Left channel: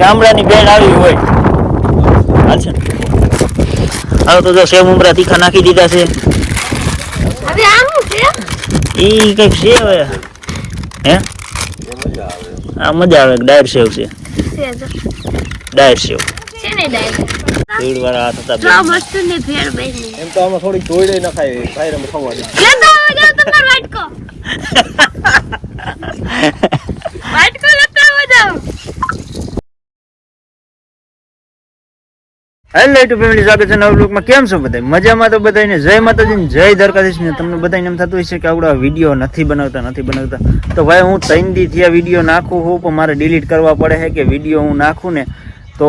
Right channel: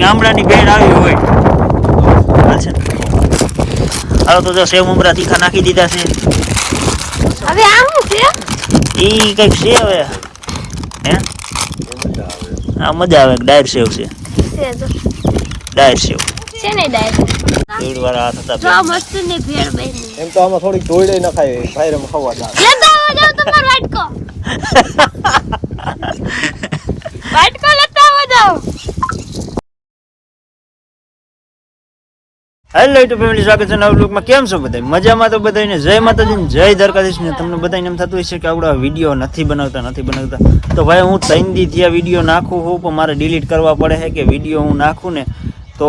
ગામડાની બેન આવી હોય. હાલ છે હાલો તો જો સેવ ઉમરા તીખા નાખી દીધા છે. હવે આ શું છે? ઈ કંઈક છે હવે. હે? આ મજા આવે ડાયર સેવ છે. ડાયર સેવ. છે ને ડાયરેક્ટ વાળા હાથ હતા જો મસ્ત ને ભેળ બેની. એમ તો આમાં થોડી ખબર ના લેતા આવો જાઓ વાટકો. વાટકો લેતા આવો જાઓ હેલો યુટ્યુબ ફેમિલી સ્વાગત છે નવ બ્લોગમાં કેમ છો બધા? મજામાં તો બધાને જય માતાજી જય દ્વારકાધીશ ને તમને બધાને એમ થતું હશે કે આવડા વીડિયો નથી બનાવતા નથી બનાવતા. તો ભાઈ, હું ત્રણ દી આ વીડિયો નાખું હું પણ મારે ડિલીટ કરવા પડે છે કે વીડિયો હું નાખું ને, તો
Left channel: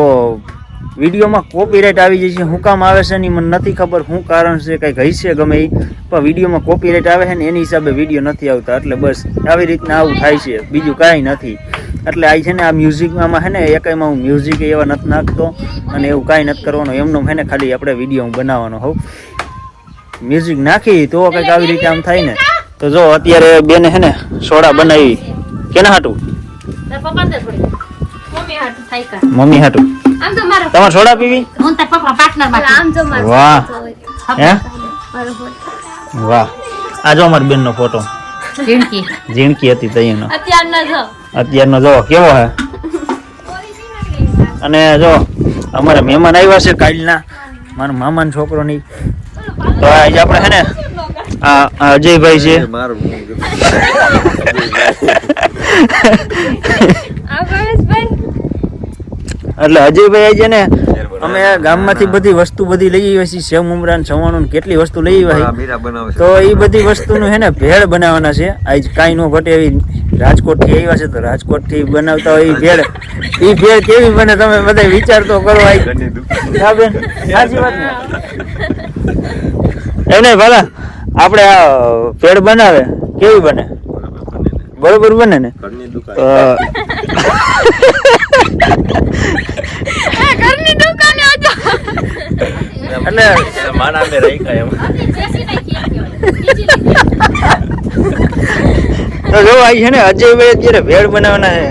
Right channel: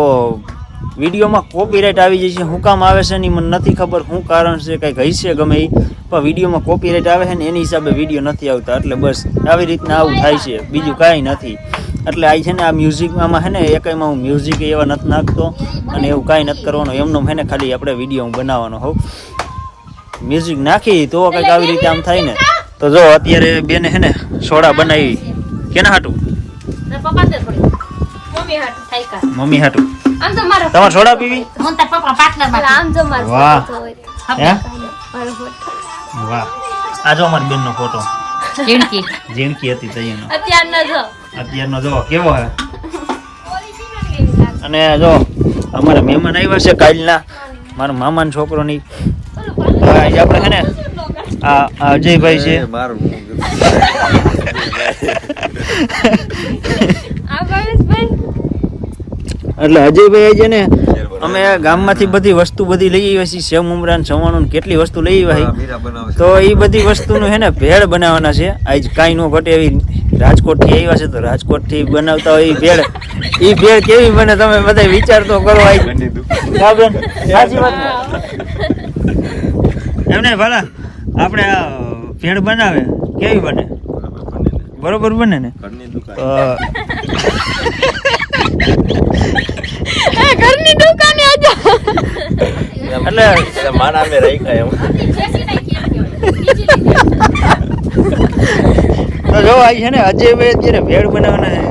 વિડીયોમાં કોપીરાઇટ આવી જાય છે શું કામ આવે છે એની મને નથી ખબર શું કારણ છે કંઈક હશે ગમે એ પણ વિડીયોમાં કોપીરાઇટ આવે છે ને એની હિસાબે વીડિયો નથી આવતા એટલે બસ આવી રીતના આવું થાય છે બીજું કાંઈ નથી. એટલે આ છે ને આ મ્યુઝિકમાં છે ને એકાઈમાં હું મ્યુઝિક એવા નથી નાખતો અને એવું કાંઈ નથી કરવાનું એમનો છે ને ખાલી આપણે વીડિયો હું બનાવવાનો હોઉં. મ્યુઝિક નાખી તો કંઈક આવી રીતે આમ થાય ને. તો જો અત્યારે બેને છે ને સોડા બનાવી. કેના હાટું? મમ્મી હાટું. આમ તો મારો તમારે સોડા પીવી? હું તાર પપ્પા પાર્ટનરમાં આમ જો મારો વાહ. હે. વાહ. આ જો અમારી બેનનો ફોટો. જીણકી જીણકી હતી તૈયાનો અત્યારના જો. અત્યારનો જો કેવો હે? અને જો અમારા મહેમાન આવ્યા છે કાલના. મારા મામાનો છોકરો ની તો આજે આપણે છે ને આ અજયભાઈ છે. એટલે અજયભાઈ આજે ને અમે ગામમાંથી બધી વસ્તુ બધી લઈ આવ્યા છીએ. સેવ ઉમરાન ને સવાણું કેટલી વસ્તુ લઈ આવ્યા. તો એ બધી વસ્તુનું છે ને ભેળ બનાવવાના છે. આજ કાંઈ નો ઘટે એવી રાજકોટથી આવ્યા છે તો રાજકોટથી બનાવતા હોય એ ભેળ. એ ભેળ કેવી બને તમે બધા વિચાર તો કરો આજ. બેન. સાચી વાત એમને ભલા. આપણે આ ભેળ બનાવે. કેવી બને? બરોબર બને ને? તો ઘરની દુકાને આજો એટલે માના મે રાખ્યા એમ. તો જો આ છે ને અજયભાઈ અત્યારે ભેળ બનાવવાના છે.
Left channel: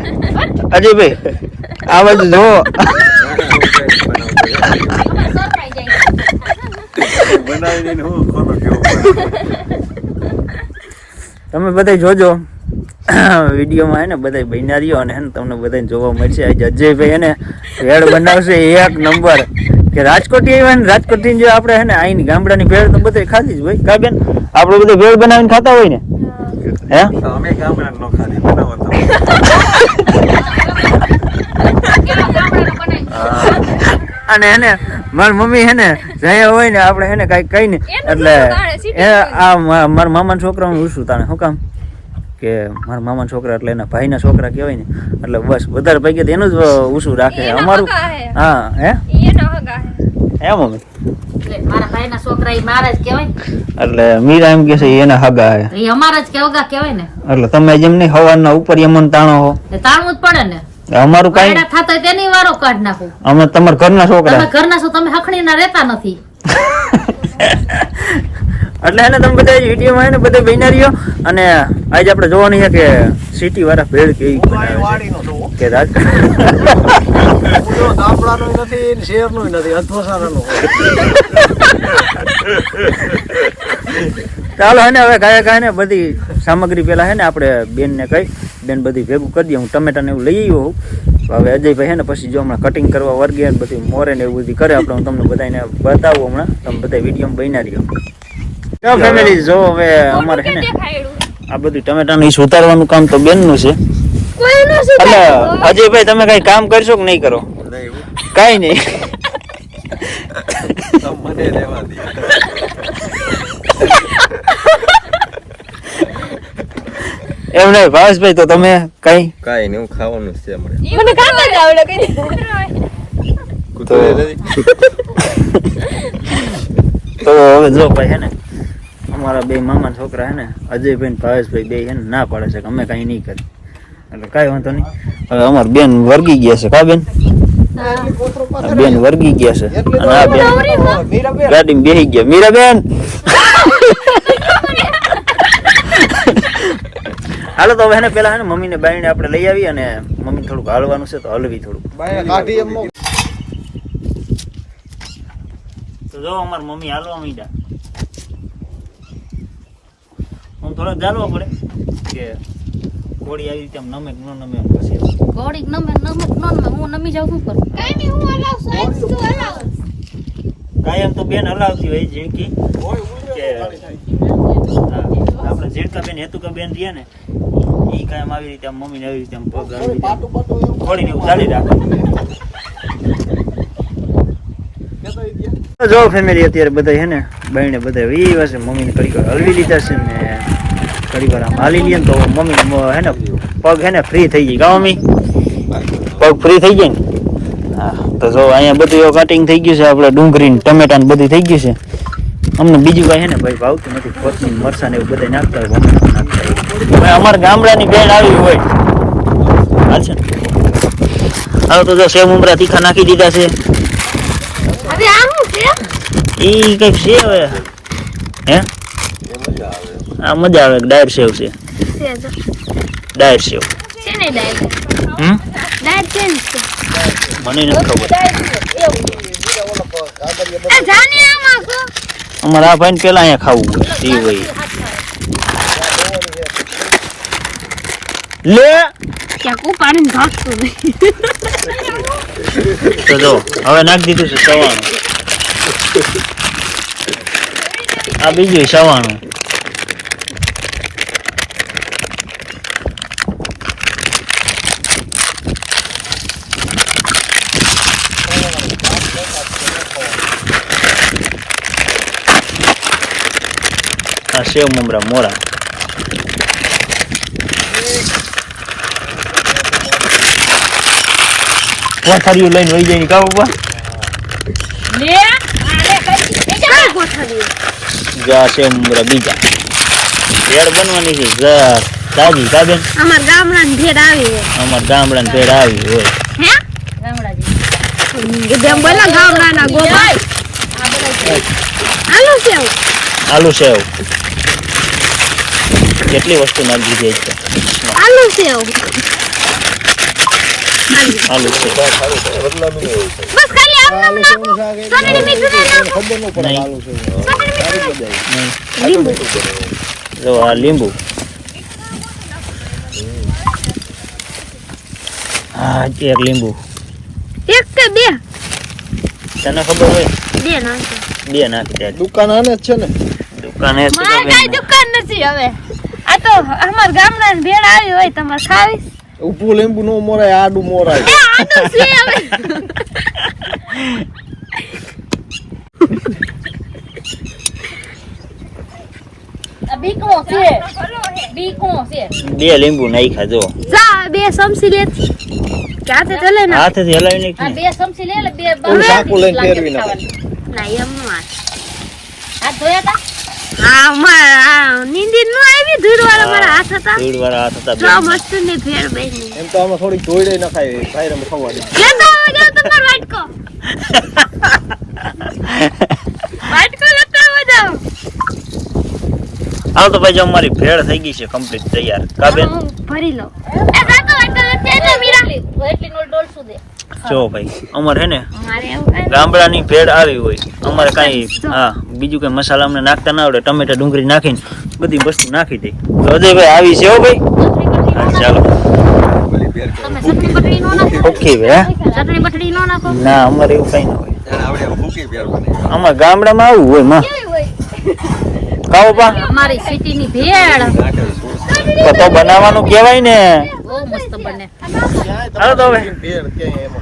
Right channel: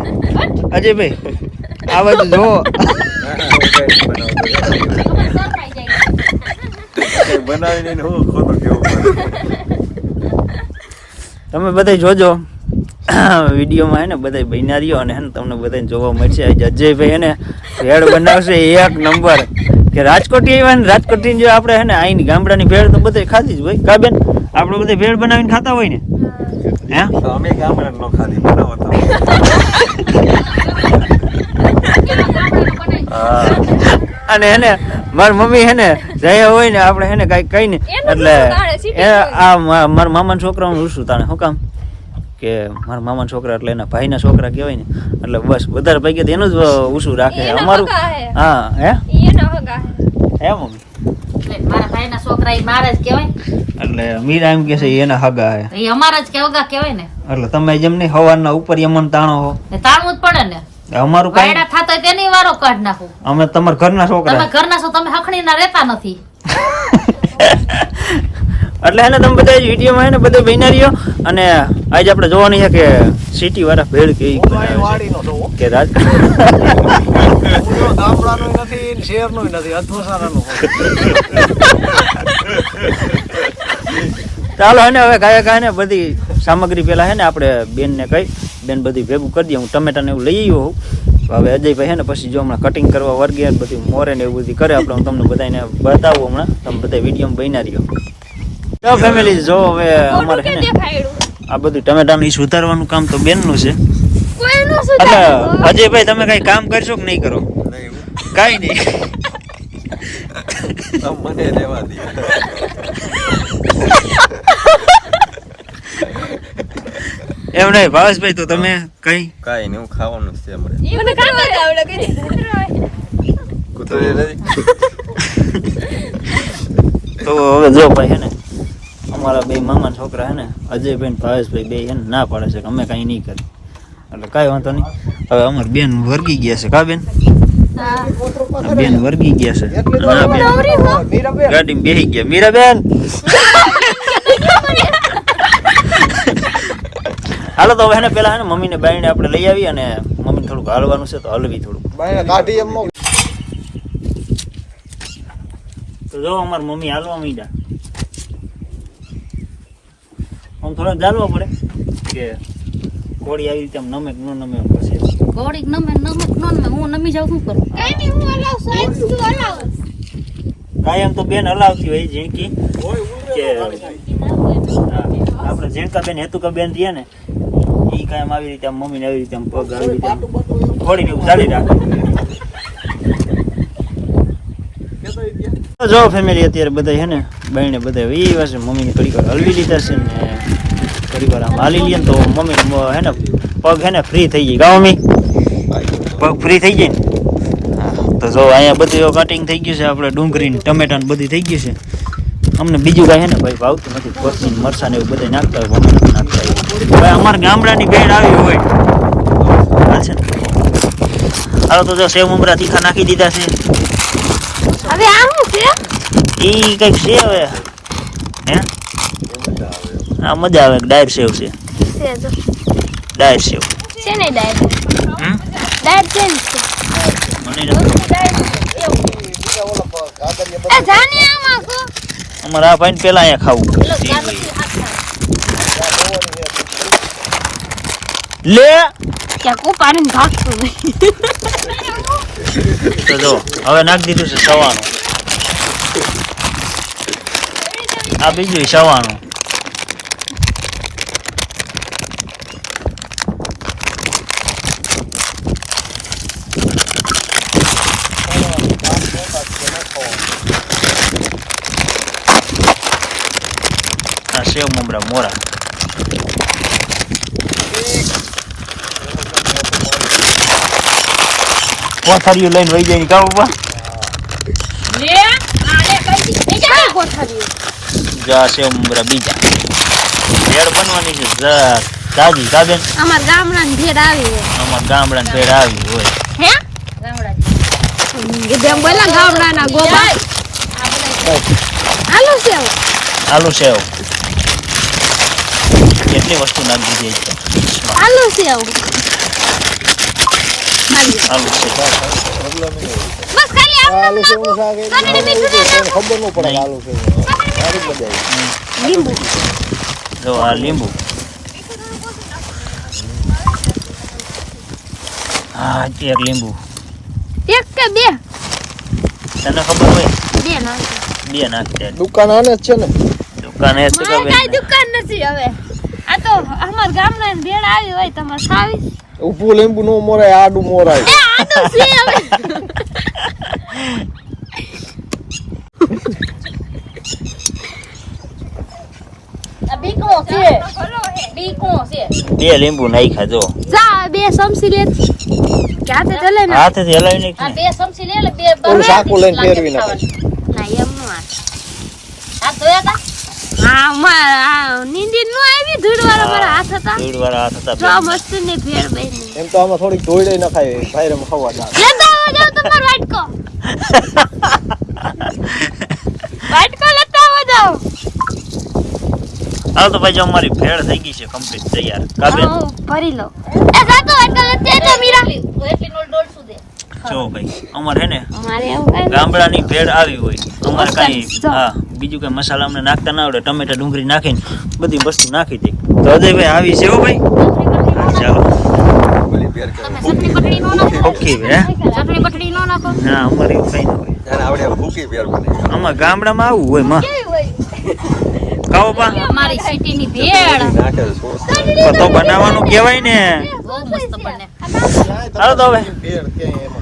અજયભાઈ આ બાજુ જો. તમે બધા જોજો. વિડીયોમાં હે ને બધા બન્યા અને હે ને તમને બધાને જોવા મળશે. આજે અજયભાઈ એને ભેળ બનાવશે એક નંબર. કે રાજકોટી આવ્યા ને રાજકોટી જો આપણે હે ને અહીંની ગામડાની ભેળ તો બધે ખાધી જ હોય. કાબેન આપણે બધે ભેળ બનાવીને ખાતા હોય ને? હે. અમે ગામડા ખાધી બનાવતા અને હે ને મારી મમ્મી હે ને જયા હોય ને આપણે હે ને કાંઈક કઈ ને એટલે એ આ મા- મારા મામાના છોકરાનું ઉછું તાણે શું કામ? કે મારા મામાના છોકરા એટલે એના ભાઈના છોકરા કહેવાય ને એટલે બસ વધારે ભાઈ તો એનું જ ઉછું રાખે. અમારું હા. હે એમ હે. મમ્મી? મારા છોકરા ઈ મારા જ કહેવાય એટલે મીરા એમ કે છે એના હગા હે. અમારા જ કેવગા કહેવાય ને. એટલે તમે જેમ નહીં હવાના ઉપર યમન તાણો હો. તાણવું જ પડે ને. અમારું કાંઈ થાતા તેની વારો કાઢ નાખું. અમે તમારા ઘરના તમે છોકરા ઘરના છો તમે હખણી રહેતા નથી. એટલે હેને તમે બધા વિડીયોમાં હે ને બધા રહ્યો. અને આજે આપણે જોવાની છે કે સિટી વાળા ભેળ કેવી બનાવે છે. કે રાજકોટ. નથી ને નથી ચાલો હે ને હવે ગાય ગાય ને બધી સામગ્રી પેલા હે ને આપણે બેન ને કહી બેન બધી ભેગું કરી દઈએ હું ટમેટા ને એવું લઈ આવ્યો હોઉં. હવે અજયભાઈ હે ને પછી જો હમણાં કટિંગ કરવા વર્ગે બધું મોરે ને એવું બધું કરે આપણે હું તમને બધાને બતાવું હમણાં. તમે બધા વીડિયો બન્યા રહ્યો. તો ફેમિલી જો હવે અમારે છે ને આ બધું ટમેટાનું ઈ સુધારવાનું કામ તો બેનનું છે. એટલે અજયભાઈ તમે કઈ કામ કરશો કે નહીં કરો? કઈ નહીં. મને રહેવા દે એમ નહીં ભાવેશભાઈ તો તમે કઈ? કઈ નહીં હું ખાવાનું છે હમણાં. મને કામ જ આવડે કઈ તો હવે જો ભાઈ હે ને? અમારા બે મામા છોકરા હે ને અજયભાઈ ભાવેશભાઈ બે એને ના પાડે છે કે અમે કઈ નહીં કરી એટલે કાંઈ વાંધો નહીં. હવે અમાર બેન વર્ગી ગયા છે કા બેન? બેન વર્ગી ગયા છે. અને આ બેન ગાડીમાં બેસી ગયા. મીરાબેન હાલો તો હવે એને પેલા હે ને મમ્મીને બાઈને આપણે લઈ આવી અને મમ્મીને થોડુંક હાલવાનું છે તો હલવી થોડુંક. તો જો અમાર મમ્મી હાલવા માંડ્યા. આમ થોડાક ચાલવા પડે કે કોળી આવી રીતે આમ નમે કે ન નમે એમ પછી. કોળી નમે નમે ન નમે હું નમી જાઉં શું કરું? કાયમ તો બેન હલાવતી હોય ઝીણકી. કે આપણે ઝીણકા બેન હેતુકા બેન રહીએ ને એ કાયમ આવી રીતે આમ મમ્મીને આવી રીતે આમ પગ આવી રીતે કોળીને એવું ચાલી રાખે. જો ફેમિલી અત્યારે બધા છે ને બહેને બધા વી વાસે મમ્મીને કડી હલવી લીધા છે ને. કડી વાર આમ હાલી જઈએ ને તો મમ્મી હે ને પગ હે ને ફ્રી થઈ ગઈ. કાંઈ મમ્મી પગ ફ્રી થઈ જાય ને? હા તો જો અહીંયા બધું કટિંગ થઈ ગયું છે આપણે ડુંગળી ટમેટા ને બધું થઈ ગયું છે. અમને બીજું કઈ હે ને ભાઈ ભાવતું નથી કોથમીર મરસા ને એવું બધા નાખતા હોય નાખતા અમારા ગામડાની બેડ આવી હોય. હાલ છે ને? હાલો તો જો સેવ ઉમરા તીખા નાખી દીધા છે. હવે આ શું છે? ઈ કંઈક છે હવે. હે? આ મજા આવે ડાયર સેવ છે. ડાયર સેવ છે ને ડાયટ હમ? ડાયટ છે ને મને નથી ખબર. આ જાને આમાં કો અમારે આ ભાઈને પેલા અહીંયા ખાવું હોય સી હોય લે તો જો હવે નાખી દીધું છે સવાણું. આ બીજું સવાણું. આ સેવ મમરા મોરા કોથારીઓ લઈને વહી જાય ની કાબુ બા લે આને કઈ કઈ ગોઠવ્યું જા છે મમરા બીજા ભેળ બનવાની છે જા તાજી કાબેન અમાર ગામડાની ભેડ આવી હોય અમાર ગામડા ભેળ આવી હોય હે ગામડા જેમ બોલા ગામડાના ગોબા હાલો સેવ આલુ સેવ કેટલી વસ્તુ નાખી દીધી છે? આલુ છે બસ ખાલી ખબર નો પડે આલુ છે. લીંબુ. જો આ લીંબુ. હા એક લીંબુ. એક કે બે? તને ખબર હોય? બે નાખો બે નાખી દે. દુકાન આને જ છે ને. દુકાને એ છે દુકાન નથી હવે. આ તો અમાર ગામડાની ભેળ આવી હોય તમારે ખાવી. ઉભું લીંબુ નો મોરાય. આડું મોરાય બે લીંબુ નાખ્યા જો. જા બે સમસી લે. હાથે હલાવી ને હાથેથી હલાવી આ બે સમસી લે બે બરાબર સાકું લઈને ફેરવી નાખે. ના એમ નો હાથ. હાથ ધોયા તા? હા મારા આ નીંદી નો આવી ધૂળ વાળા મારા હાથ હતા. ધૂળ વાળા હાથ હતા જો મસ્ત ને ભેળ બેન. એમ તો આમાં થોડીક ધોઈ ન ખાય ખાયરે ખવા ના લેતા આવો જાઓ તમારો વાટકો. વાટકો લેતા આવો જાઓ હાલો તો ભાઈ જો અમારી ભેળ થઈ ગઈ છે કમ્પ્લીટ તૈયાર. કાબેન ભરી લો એ જાતો વાટકો લેતી આવજો મીરા. એટલી એટલી નોટ દે. જો ભાઈ અમારે હે ને ગામડાની ભેળ આવી હોય. અમારે કઈ હા. બીજું કઈ મસાલા અમને નાખતા ના આવડે, ટમેટા, ડુંગળી નાખીને બધી વસ્તુ નાખી દે. તો અજયભાઈ આવી છે હો ભાઈ? ચાલો. નો, અમારે એવું કઈ ના ગામડામાં આવું હોય, માં. ખાઓ પા અમારી સિટીની ભેળ. તો બનાવવાનું કહેવાય ને. બહુ મસ્ત બને. હાલો તો હવે.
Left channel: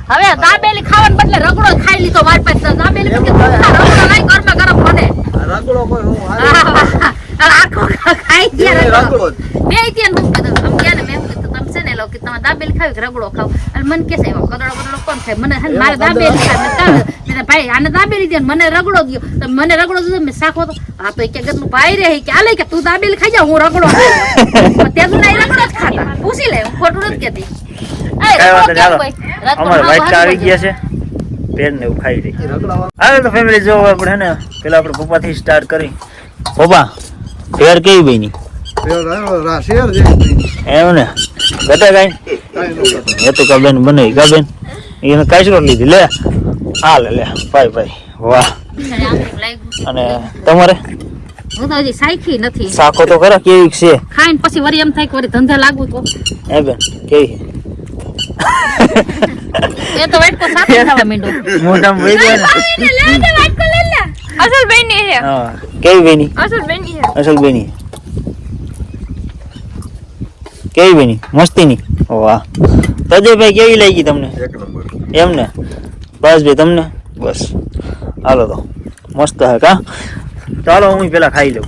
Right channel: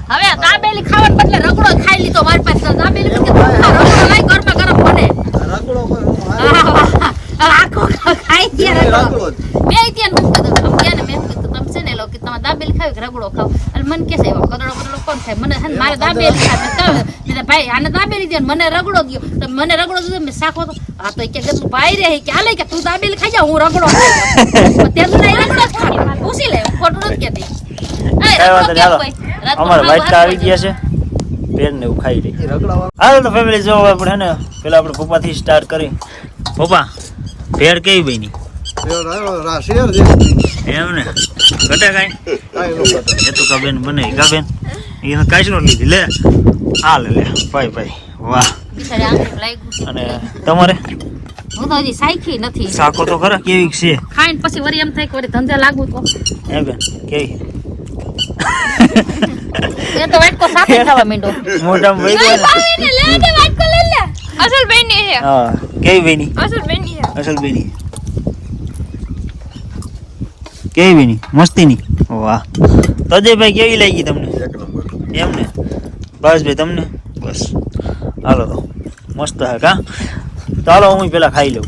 હવે દાબેલી ખાવાને બદલે રગડો ખાઈ લીધો મારી પાસે. દાબેલી રગડો લાઈ ગરમા ગરમ પડે. રગડો કોઈ હું હાલે આખો ખાઈ ગયા રગડો. બે ત્યાં મૂકી દીધો. આમ ગયા ને મેં છે ને લો કે તમે દાબેલી ખાવી કે રગડો ખાવ. અને મને કે છે કદડો બદડો કોણ થાય? મને હે મારે દાબેલી ખાવી. ભાઈ આને દાબેલી દે મને રગડો દો તો મને રગડો દીધો મેં શાખો તો આ તો કે ગતલું ભાઈ રે કે આલે કે તું દાબેલી ખાઈ જા હું રગડો ખાઉં. તે રગડો જ ખાતા પૂછી લે હું ખોટું નથી કેતી અમારા વાટકા આવી ગયા છે. પેર ને એવું ખાઈ લઈ હાલો તો ફેમિલી જો આપણે હે ને પેલા આપણે પપ્પાથી સ્ટાર્ટ કરી. પપ્પા ભેળ કેવી બની? એમ ને ઘટે કાંઈ? એ તો બેન કાબેન એને કાચરો લીધી લે. હાલ લે ભાઈ ભાઈ. વાહ. અને તમારે? હું તો હજી સાયખી નથી. સાખો તો ખરા કેવી છે. ખાઈને પછી વળી એમ થાય કે ધંધે લાગુ તો. એ બેન કેવી? એ તો વાટકો સાથે ખાવા માંડ્યો. મોઢામાં વહી ગયો ને. અસલ બેની છે. હા. કેવી બેની? અસલ બેની અસલ બેની કેવી બેની મસ્તીની? વાહ. તજયભાઈ કેવી લાગી તમને? એમ ને બસ ભાઈ તમને? બસ. હાલો તો. મસ્ત હે કા? ચાલો હું પેલા ખાઈ લઉં.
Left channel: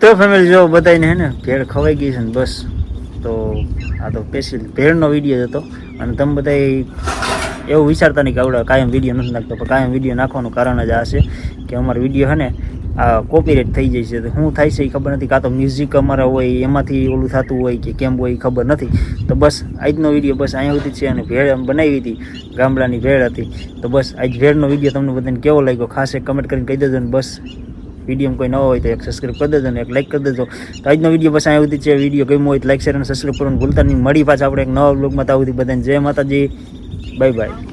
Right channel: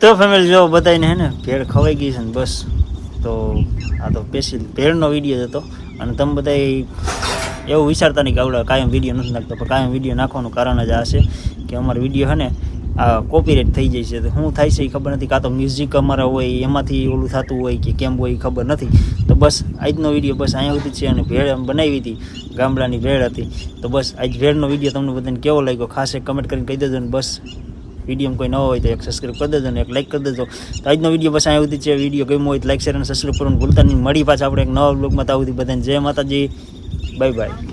તો ફેમિલી જો બધાને હે ને ભેળ ખવાઈ ગઈ છે ને બસ. તો આ તો સ્પેશિયલ ભેળનો વીડિયો હતો. અને તમે બધા એવું વિચારતા નહીં કે આવડે કાયમ વીડિયો નથી નાખતો. પણ કાયમ વીડિયો નાખવાનું કારણ જ આ છે કે અમારો વીડિયો હે ને આ કોપીરાઇટ થઈ જાય છે. તો શું થાય છે એ ખબર નથી. કાં તો મ્યુઝિક અમારા હોય, એમાંથી ઓલું થતું હોય કે કેમ હોય ખબર નથી. તો બસ આજનો વીડિયો બસ અહીંયા સુધી છે અને ભેળ એમ બનાવી હતી. ગામડાની ભેળ હતી. તો બસ આજ ભેળનો વીડિયો તમને બધાને કેવો લાગ્યો? ખાસ એક કમેન્ટ કરીને કહી દેજો ને બસ વીડિયો કોઈ નવો હોય તો એક સબસ્ક્રાઈબ કરી દેજો ને એક લાઈક કરી દેજો. તો આજનો વીડિયો બસ અહીંયા સુધી છે. વીડિયો ગમ્યો હોય તો લાઈક શેર અને સબસ્ક્રાઈબ કરવાનું ભૂલતા નહીં. મળી પાછા આપણે એક નવા બ્લોગમાં તો આવું બધાને જય માતાજી. Bye bye